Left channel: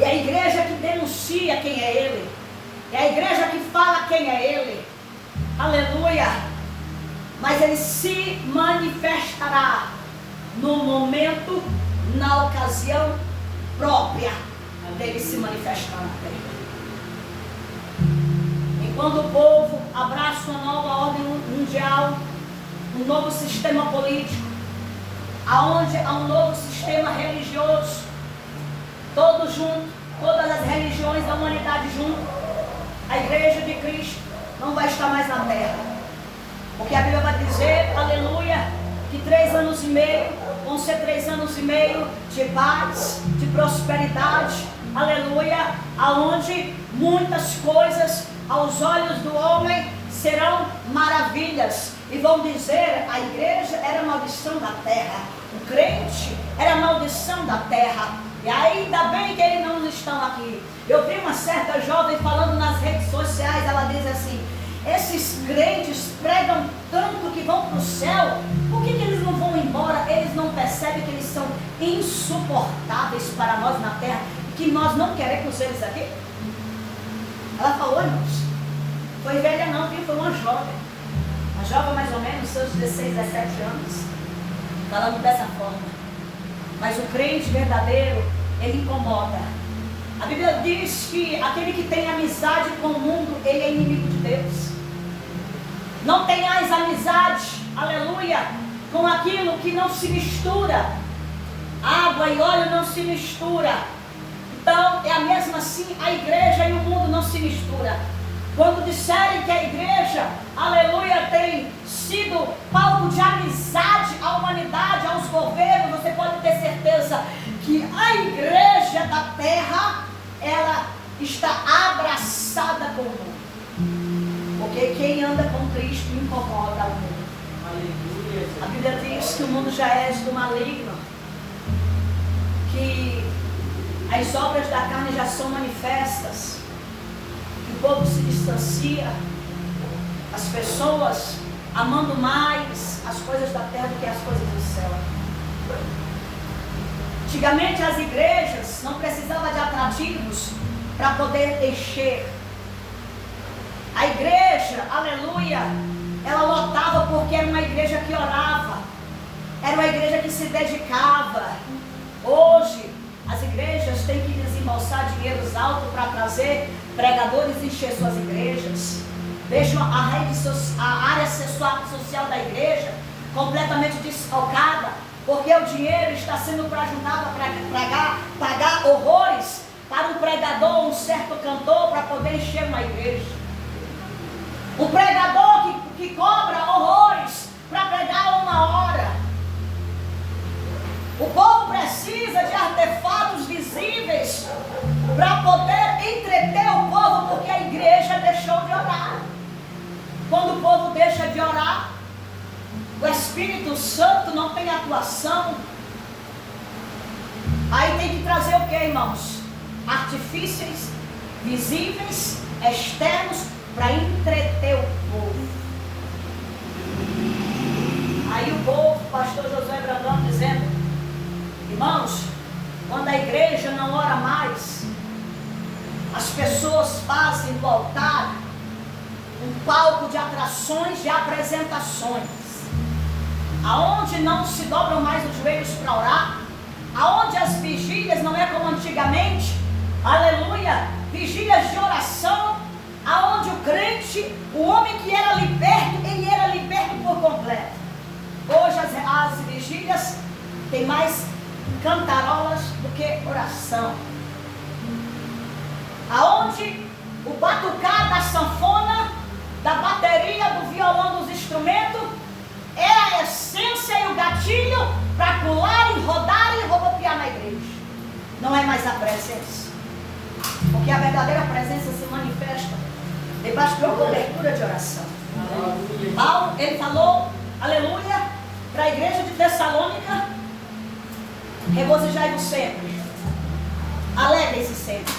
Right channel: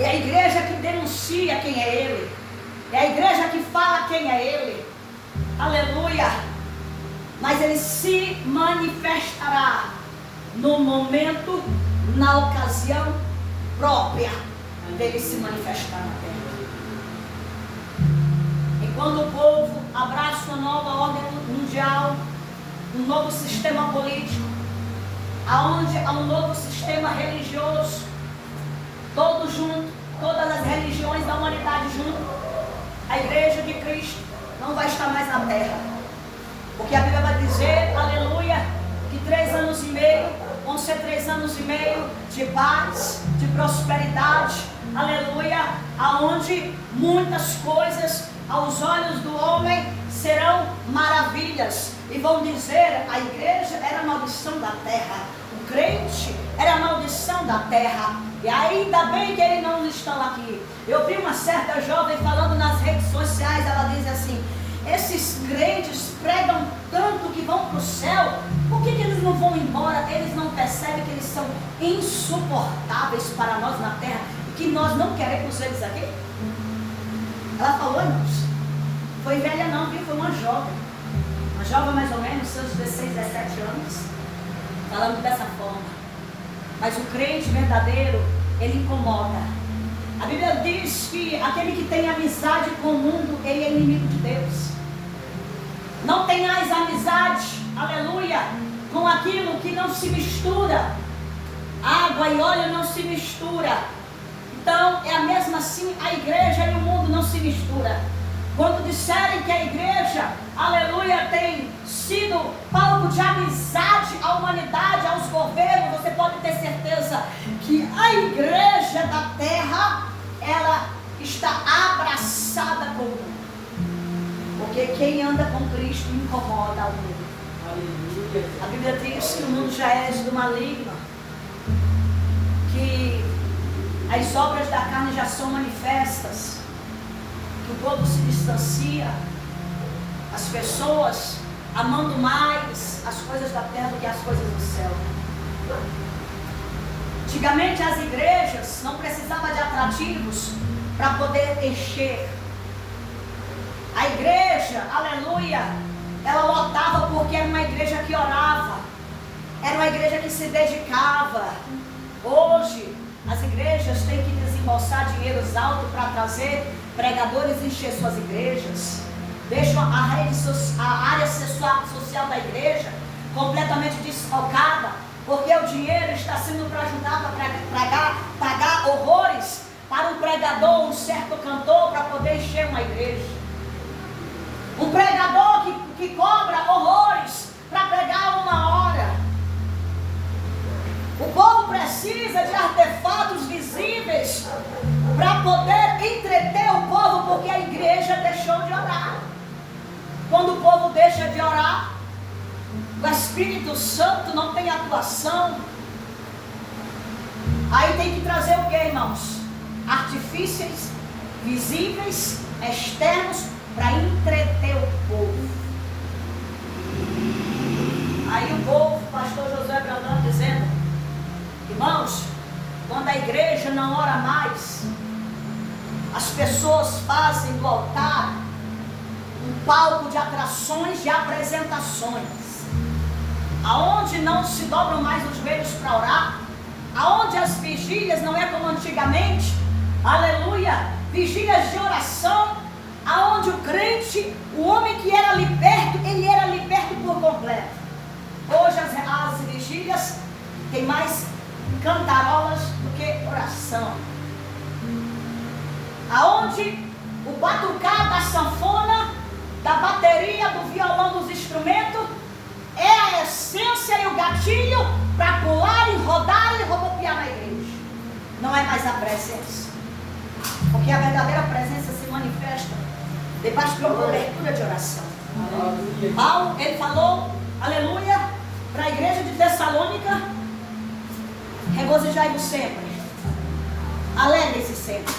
É a igreja que denuncia quem é Ele. É a igreja que fala quem é Ele. Aleluia. Mas Ele se manifestará no momento, na ocasião própria dele se manifestar na terra. Enquanto o povo abraça uma nova ordem mundial, um novo sistema político, aonde há um novo sistema religioso, todos juntos, todas as religiões da humanidade junto, a igreja de Cristo não vai estar mais na terra. Porque a Bíblia vai dizer, aleluia, que 3 anos e meio vão ser 3 anos e meio de paz, de prosperidade, aleluia, aonde muitas coisas aos olhos do homem serão maravilhas. E vão dizer, a igreja era a maldição da terra, o crente era a maldição da terra. E ainda bem que eles não estão aqui. Eu vi uma certa jovem falando nas redes sociais, ela diz assim: esses crentes pregam tanto que vão para o céu, por que eles não vão embora? Eles não percebem que eles são insuportáveis para nós na terra, que nós não queremos eles aqui? Ela falou, irmãos, foi velha não, viu? Foi uma jovem mais ou menos, seus 16, 17 anos, falando dessa forma. Mas o crente verdadeiro, ele incomoda. A Bíblia diz que aquele que tem amizade com o mundo, ele é inimigo de Deus. Não tenhais amizade, aleluia, com aquilo que não se mistura. Água e óleo não se mistura. Então é a mesma assim, a igreja e o mundo não se mistura. Quando disserem que a igreja, aleluia, tem sido palco de amizade à humanidade, aos governos, você pode ter certeza que a igreja da terra, ela está abraçada com o mundo. Porque quem anda com Cristo incomoda o mundo. Aleluia. A Bíblia diz que o mundo já é do maligno, que as obras da carne já são manifestas, que o povo se distancia, as pessoas amando mais as coisas da terra do que as coisas do céu. Antigamente as igrejas não precisavam de atrativos para poder encher. A igreja, aleluia, ela lotava porque era uma igreja que orava, era uma igreja que se dedicava. Hoje as igrejas têm que desembolsar dinheiros altos para trazer pregadores e encher suas igrejas. Deixam a área social da igreja completamente desfalcada, porque o dinheiro está sendo para ajudar para pagar horrores para um pregador, um certo cantor, para poder encher uma igreja. Um pregador que cobra horrores para pregar 1 hora. O povo precisa de artefatos visíveis para poder entreter o povo, porque a igreja deixou de orar. Quando o povo deixa de orar, o Espírito Santo não tem atuação. Aí tem que trazer o que, irmãos? Artifícios visíveis, externos, para entreter o povo. Aí o povo, o pastor José Brandão dizendo: irmãos, quando a igreja não ora mais, as pessoas fazem do altar um palco de atrações, de apresentações, aonde não se dobram mais os joelhos para orar, aonde as vigílias não é como antigamente, aleluia, vigílias de oração, aonde o crente, o homem que era liberto, ele era liberto por completo. Hoje as vigílias tem mais cantarolas do que oração, aonde o batucar da sanfona, da bateria, do violão, dos instrumentos é a essência e o gatilho para pular e rodar e rodopiar na igreja. Não é mais a presença, porque a verdadeira presença se manifesta debaixo de uma cobertura de oração. Aleluia. Paulo, ele falou, aleluia, para a igreja de Tessalônica: regozijai-vos sempre, alegrem-se sempre,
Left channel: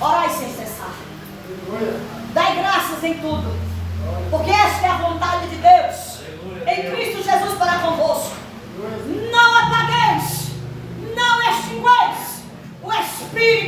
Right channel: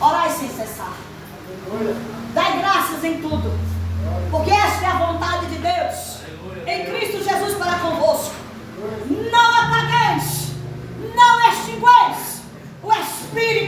orai sem cessar, dai graças em tudo, porque esta é a vontade de Deus em Cristo Jesus para convosco. Não apagueis, não extingueis o Espírito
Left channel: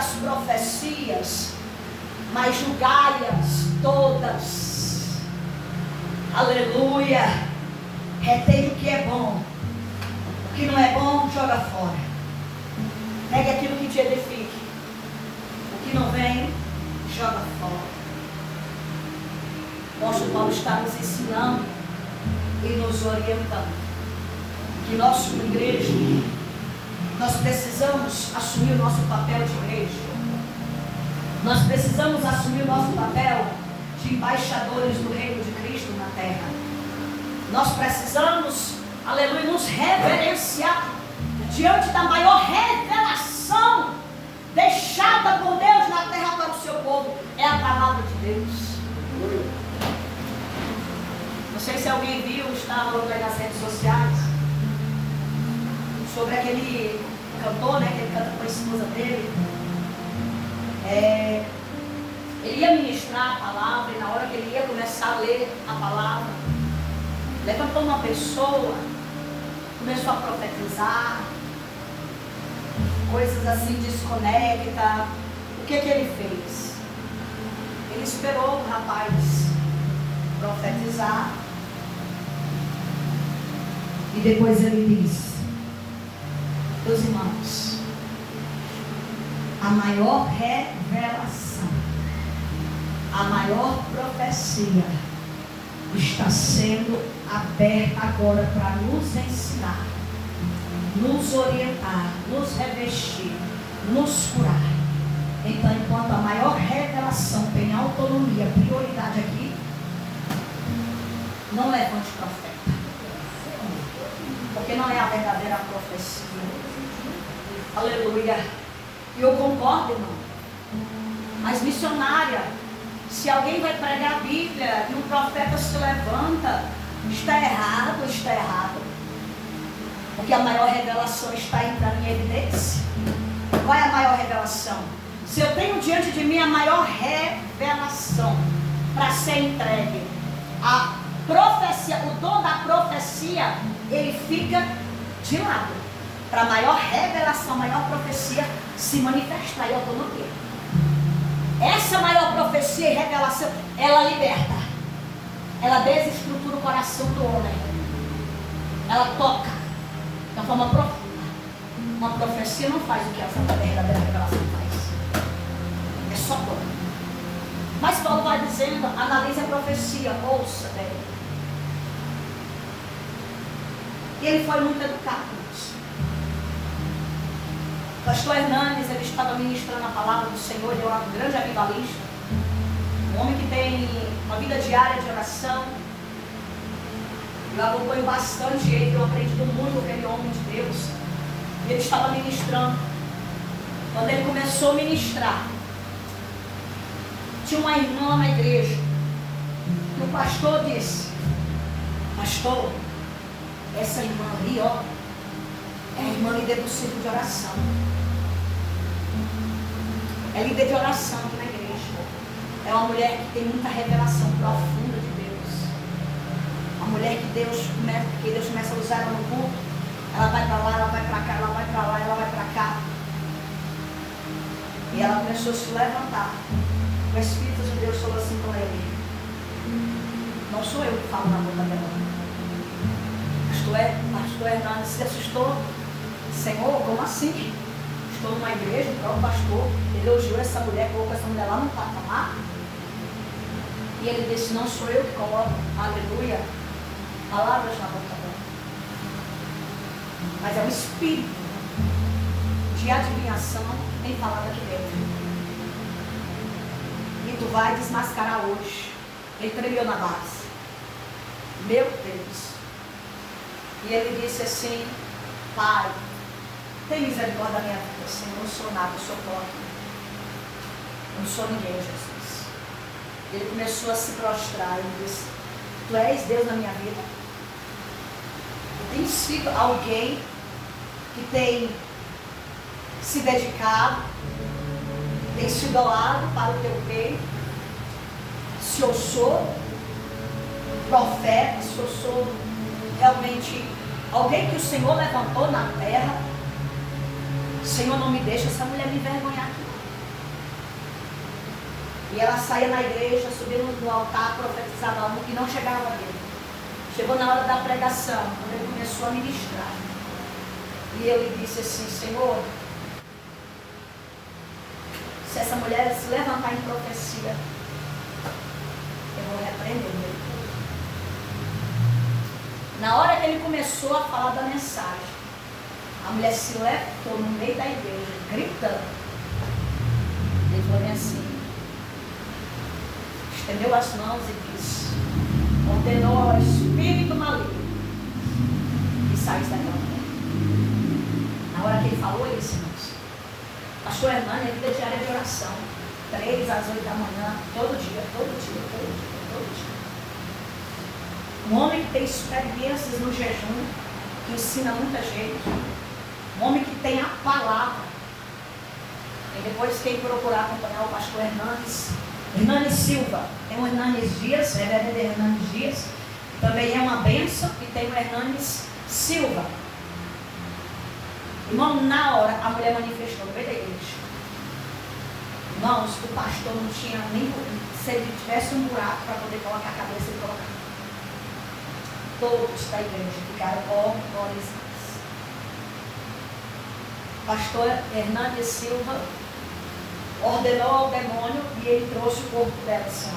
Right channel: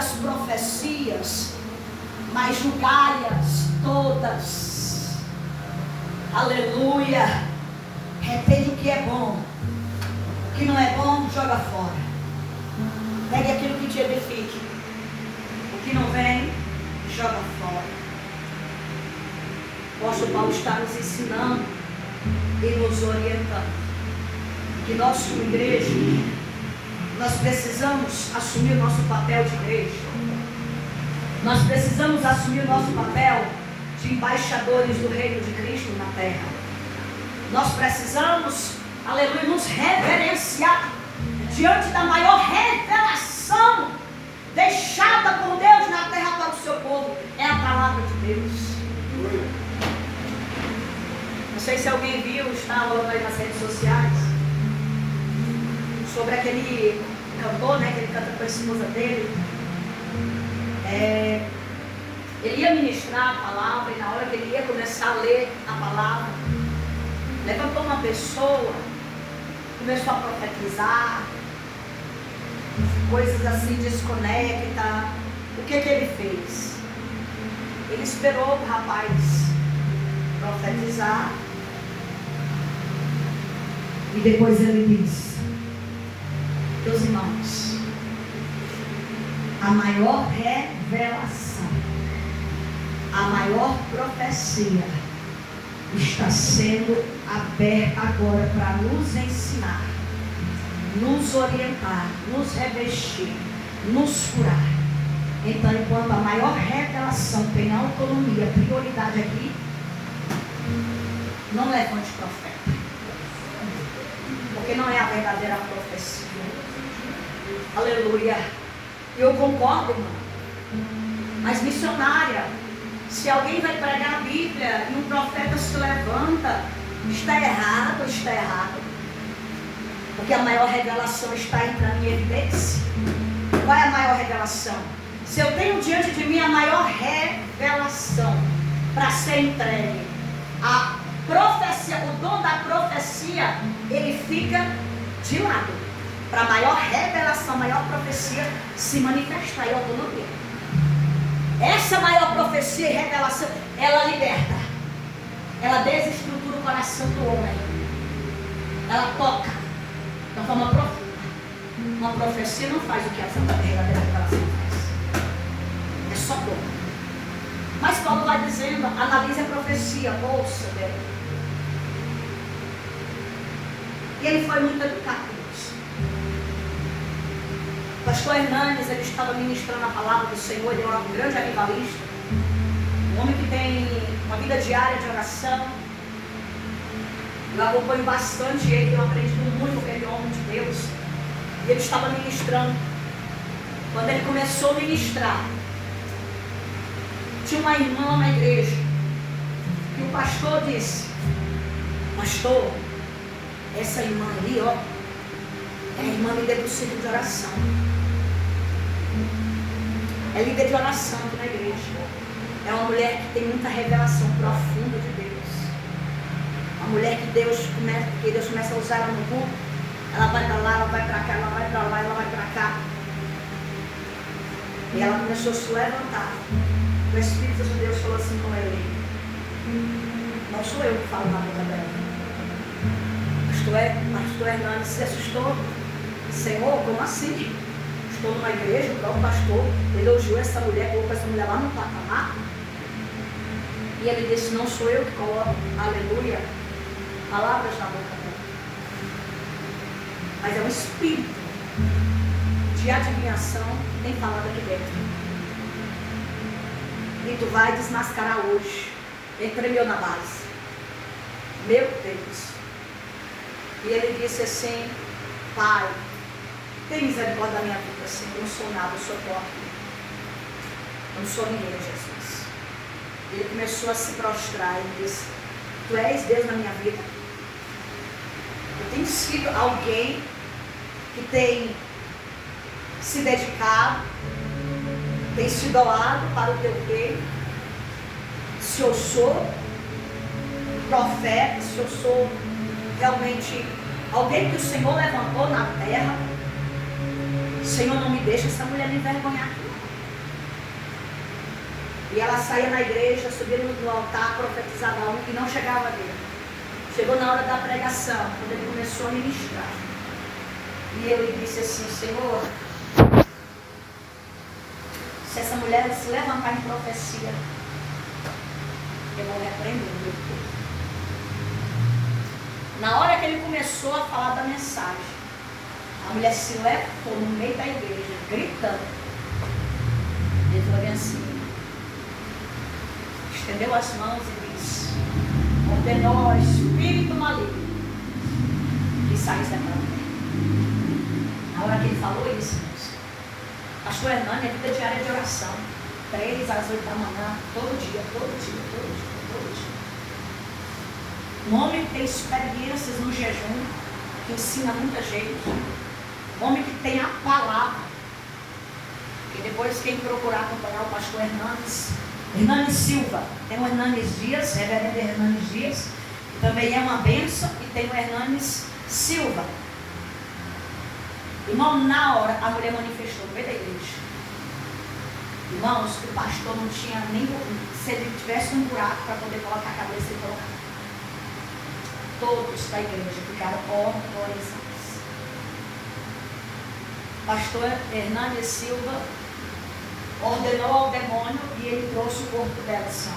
as profecias, mas julgai-as todas. Aleluia. Retém o que é bom. O que não é bom, joga fora. Pegue aquilo que te edifique. O que não vem, joga fora. O apóstolo Paulo está nos ensinando e nos orientando que nós, como igreja, nós precisamos assumir o nosso papel de igreja. Nós precisamos assumir o nosso papel de embaixadores do reino de Cristo na terra. Nós precisamos, aleluia, nos reverenciar diante da maior revelação deixada por Deus na terra para o seu povo. É a palavra de Deus. Não sei se alguém viu, está olhando aí nas redes sociais, sobre aquele cantor, né, que ele canta com a esposa dele. Ele ia ministrar a palavra, e na hora que ele ia começar a ler a palavra, levantou uma pessoa, começou a profetizar, coisas assim desconecta. O que ele fez? Ele esperou o rapaz profetizar, e depois ele disse: meus irmãos, a maior revelação, a maior profecia está sendo aberta agora para nos ensinar, nos orientar, nos revestir, nos curar. Então, enquanto a maior revelação tem autonomia, prioridade aqui, não levante profeta, porque não é a verdadeira profecia. Aleluia. Eu concordo, irmão. Mas missionária, se alguém vai pregar a Bíblia e o profeta se levanta, está errado, está errado. Porque a maior revelação está entrando em evidência. Qual é a maior revelação? Se eu tenho diante de mim a maior revelação para ser entregue, a profecia, o dom da profecia, ele fica de lado. Para a maior revelação, maior profecia se manifestar em autonomia. Essa maior profecia e revelação, ela liberta. Ela desestrutura o coração do homem. Ela toca de uma forma profunda. Uma profecia não faz o que essa verdadeira revelação faz. É só toca. Mas Paulo vai dizendo, analise a profecia, ouça dela. E ele foi muito educado. O pastor Hernandes, ele estava ministrando a palavra do Senhor, ele é um grande avivalista, um homem que tem uma vida diária de oração. Eu acompanho bastante ele, eu aprendi muito com aquele homem de Deus. E ele estava ministrando. Quando ele começou a ministrar, tinha uma irmã na igreja, e o pastor disse: pastor, essa irmã ali, ó, é a irmã líder do ciclo de oração. É líder de oração aqui na igreja. É uma mulher que tem muita revelação profunda de Deus. Uma mulher que Deus começa a usar ela no culto. Ela vai para lá, ela vai para cá, ela vai para lá, ela vai para cá. E ela começou a se levantar. O Espírito de Deus falou assim com ele: não sou eu que falo na boca dela. Pastor Hernandes se assustou. Senhor, como assim? Estou numa igreja, o próprio pastor elogiou essa mulher, colocou essa mulher lá no patamar. E ele disse: não sou eu que coloco, aleluia, palavras na boca dela. Mas é o espírito de adivinhação que tem falado aqui dentro. E tu vai desmascarar hoje. Ele tremeu na base. Meu Deus. E ele disse assim: Pai, tem misericórdia da minha vida, Senhor. Eu não sou nada, eu sou pobre. Eu não sou ninguém, Jesus. Ele começou a se prostrar e disse: Tu és Deus na minha vida. E tem sido alguém que tem se dedicado, tem se doado para o teu reino. Se eu sou profeta, se eu sou realmente alguém que o Senhor levantou na terra, Senhor, não me deixa essa mulher me envergonhar aqui. E ela saía na igreja, subia no altar, profetizava um e não chegava dele. Chegou na hora da pregação, quando ele começou a ministrar. E ele disse assim: Senhor, se essa mulher se levantar em profecia, eu vou repreender meu povo. Na hora que ele começou a falar da mensagem, a mulher se levantou no meio da igreja, gritando. Ele falou assim, estendeu as mãos e disse: ordenou ao espírito maligno que saísse daquela mulher. Na hora que ele falou isso, irmãos, pastor Hernani é vida diária de oração, 3 às 8 da manhã, todo dia. Um homem que tem experiências no jejum, que ensina muita gente. Um homem que tem a palavra. E depois quem procurar acompanhar o pastor Hernani Silva. Tem o Hernanes Dias, reverendo Hernanes Dias, que também é uma bênção, e tem o Hernanes Silva. Irmão, na hora a mulher manifestou no meio da igreja. Irmãos, o pastor não tinha nem, se ele tivesse um buraco para poder colocar a cabeça e colocar. Todos da igreja ficaram horrorizados. Pastor Hernanes Silva ordenou ao demônio e ele trouxe o corpo dela assim, ó.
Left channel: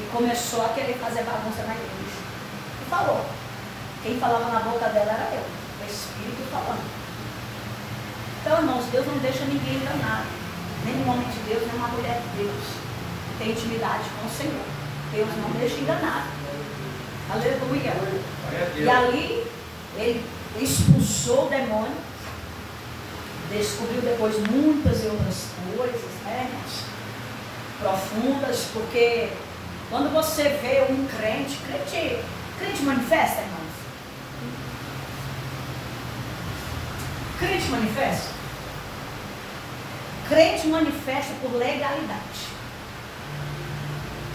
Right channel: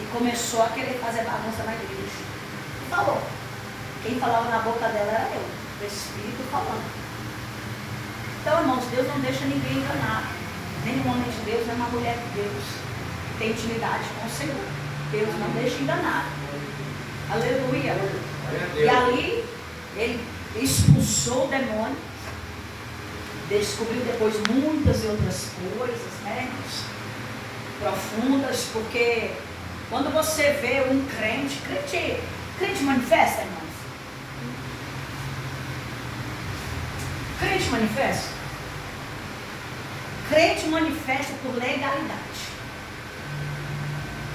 E começou a querer fazer bagunça na igreja. E falou. Quem falava na boca dela era eu, o Espírito falando. Então, irmãos, Deus não deixa ninguém enganado. Nem um homem de Deus, nem uma mulher de Deus. Tem intimidade com o Senhor. Deus não deixa enganar. Aleluia. E ali, ele expulsou o demônio. Descobriu depois muitas e outras coisas, né, irmãos? Profundas, porque quando você vê um crente manifesta, irmãos. Crente manifesta? Crente manifesta por legalidade.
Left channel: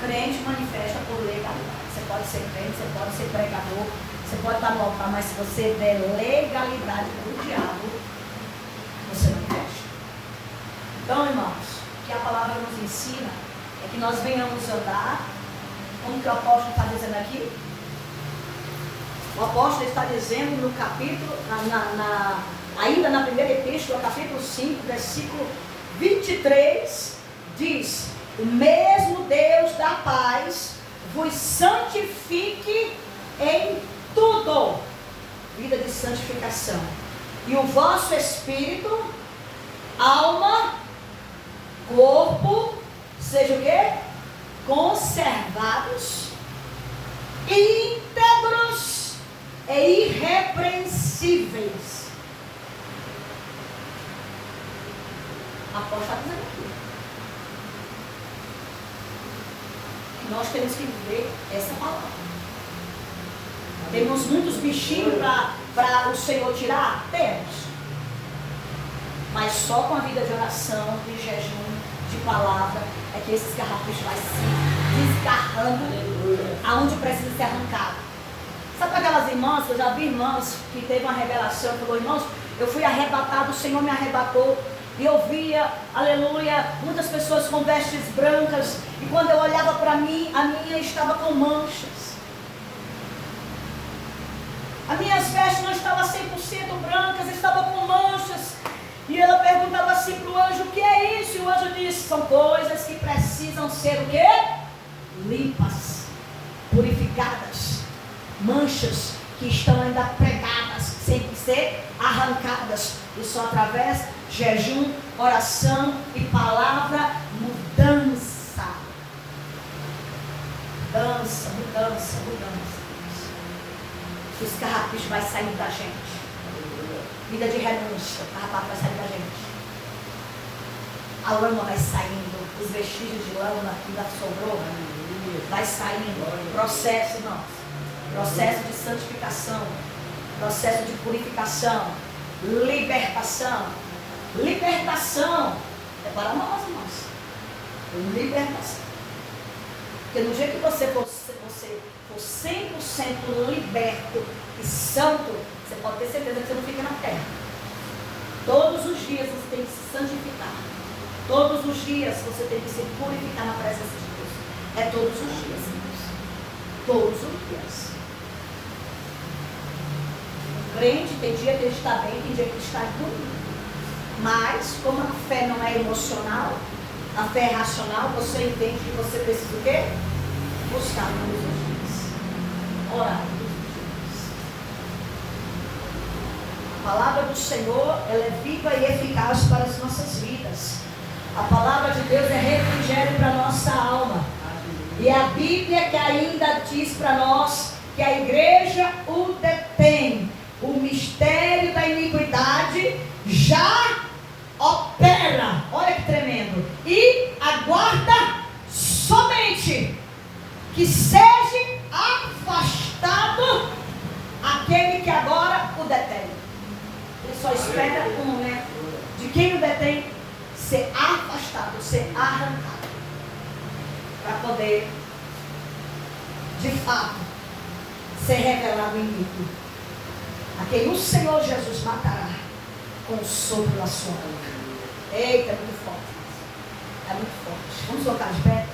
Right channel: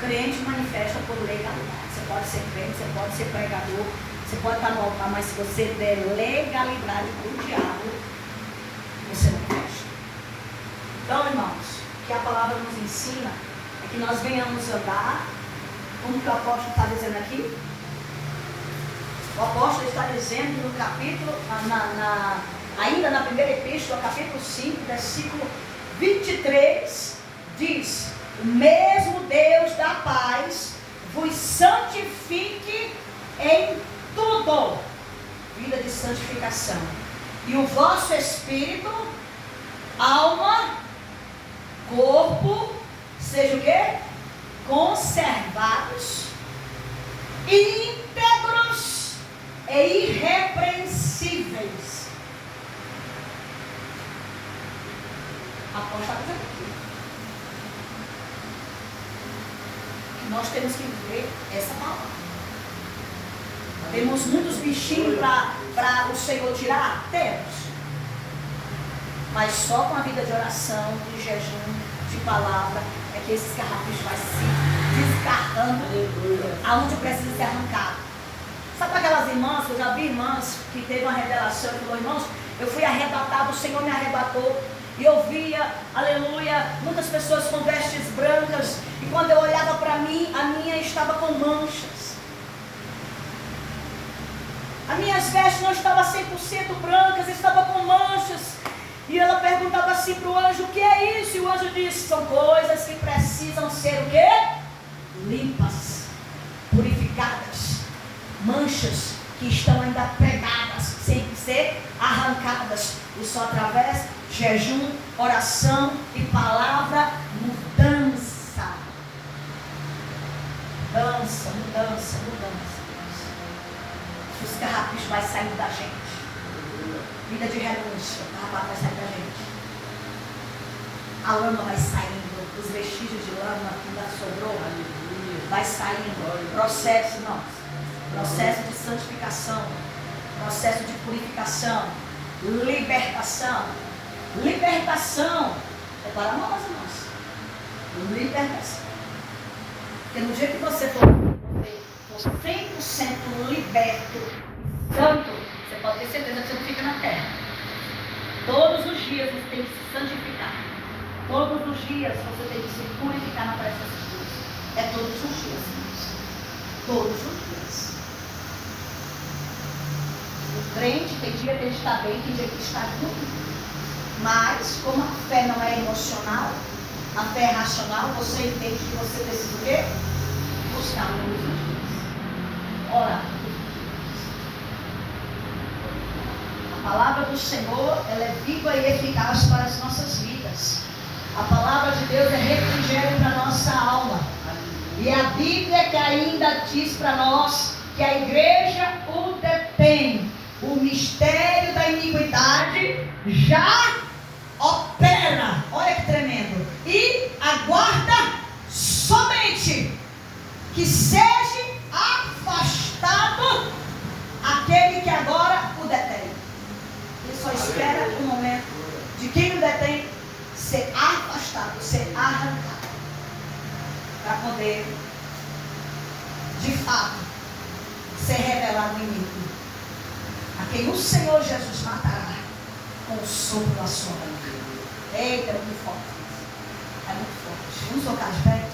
Crente manifesta por legalidade. Você pode ser crente, você pode ser pregador, você pode estar no altar, mas se você der legalidade para o diabo, você não manifesta. Então, irmãos, o que a palavra nos ensina é que nós venhamos andar, como que o apóstolo está dizendo aqui? O apóstolo está dizendo no capítulo, ainda na primeira epístola, capítulo 5, versículo 23, diz: o mesmo Deus da paz vos santifique em tudo. Vida de santificação. E o vosso espírito, alma, corpo, seja o quê? Conservados, íntegros e irrepreensíveis. Apóstolo está dizendo aqui. Nós temos que viver essa palavra. Temos muitos bichinhos para o Senhor tirar? Temos. Mas só com a vida de oração, de jejum, de palavra, é que esses carrapichos vai se desgarrando aonde precisa ser arrancado. Sabe aquelas irmãs, eu já vi irmãs que teve uma revelação e falou: irmãos, eu fui arrebatado, o Senhor me arrebatou. E eu via, aleluia, muitas pessoas com vestes brancas. E quando eu olhava para mim, a minha estava com manchas. As minhas vestes não estavam 100% brancas, estavam com manchas. E ela perguntava assim para o anjo: o que é isso? E o anjo disse: são coisas que precisam ser o quê? Limpas, purificadas. Manchas que estão ainda pregadas, sem ser arrancadas. E só através de jejum, oração e palavra, mudança. Mudança. Os carrapichos vai sair da gente. Vida de renúncia, o carrapato vai sair da gente. A lama vai saindo, os vestígios de lama que ainda sobrou, vai saindo. Processo, não. Processo de santificação, processo de purificação, libertação. É para nós, irmãos. Libertação. Porque no dia que você for 100% liberto e santo, você pode ter certeza que você não fica na terra. Todos os dias você tem que se santificar. Todos os dias você tem que se purificar na presença de Deus. É todos os dias, irmãos. Todos os dias. O crente tem dia que ele está bem, tem dia que ele está ruim. Mas, como a fé não é emocional, a fé é racional, você entende que você precisa o quê? Buscar todos os dias. Orar todos os dias. A palavra do Senhor, ela é viva e eficaz para as nossas vidas. A palavra de Deus é refrigério para a nossa alma. E a Bíblia que ainda diz para nós que a igreja o detém. O mistério da iniquidade já opera. Olha que tremendo. E aguarda somente que seja afastado aquele que agora o detém. Ele só espera o momento de quem o detém ser afastado, ser arrancado, para poder, de fato, ser revelado o inimigo, a quem o Senhor Jesus matará com o sopro da sua boca. Eita, é muito forte. É muito forte. Vamos colocar de pé?